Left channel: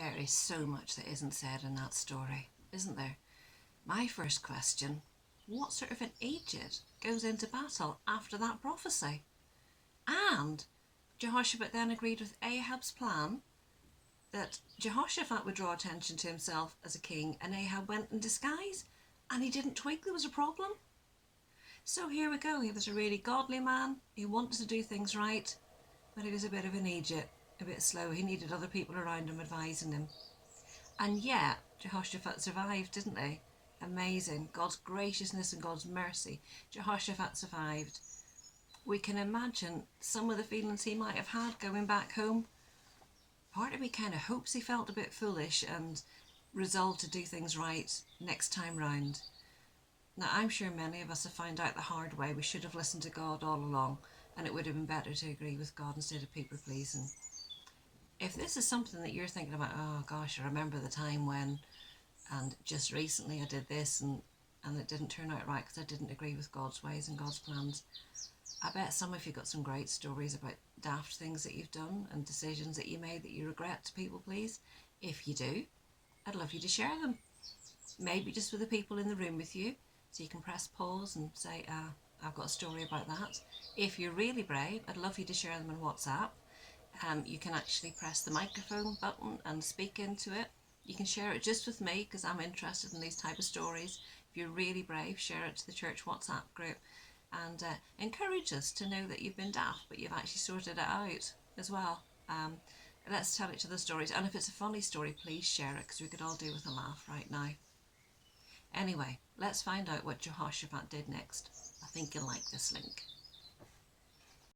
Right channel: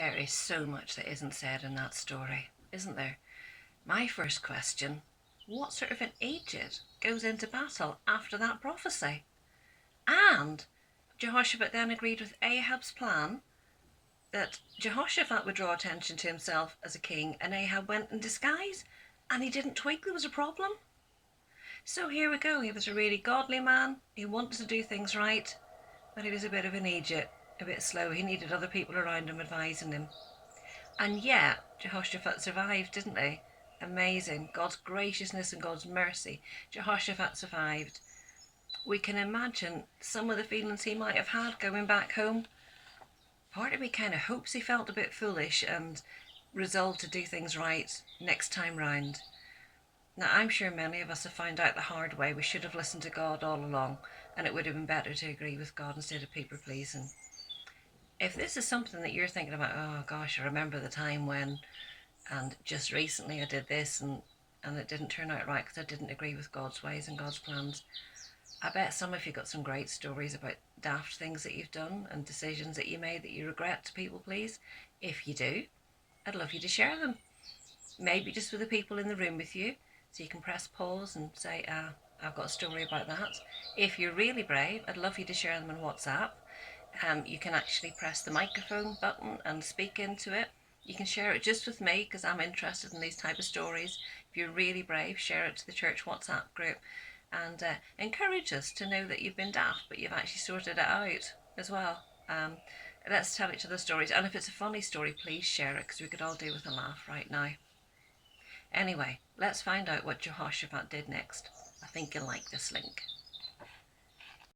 There is so much that isn't said in that story, isn't there? My first question, what sort of an aged goes into battle after that prophecy? And Jehoshaphat then agreed with Ahab's plan that Jehoshaphat would draw attention to himself as a king, and Ahab went in disguise, and he didn't twig there was a problem. So here we go. He was a really godly man. He wanted to do things right, but he was a bit of an idiot, a bit slow. He needed other people around him advising him. And yet, Jehoshaphat survived, didn't he? Amazing. God's graciousness and God's mercy. Jehoshaphat survived. We can imagine some of the feelings he might have had going back home. Part of me kind of hopes he felt a bit foolish and resolved to do things right next time round. Now, I'm sure many of us have found out the hard way we should have listened to God all along, and it would have been better to agree with God instead of people pleasing. If this is something that you're thinking about, oh gosh, I remember the time when, and just recently I did this and it didn't turn out right because I didn't agree with God's ways and God's plans. I bet some of you got some great stories about daft things that you've done and decisions that you made that you regret to people please. If you do, I'd love you to share them. Maybe just with the people in the room with you, so you can press pause and say, I've got a story about that. If you're really brave, I'd love you to share them on WhatsApp. You can actually press the microphone button and speak into it. You can share it just with me because I'm interested in these type of stories. If you're really brave, share it to the church WhatsApp group and encourage us to know that you've been daft but you've actually sorted it out as well. Let's tell each other stories, and if it's a funny story, please share it because we could all do with a laugh right now. Anyway, let's find out what Jehoshaphat did next. I think you'll like this link.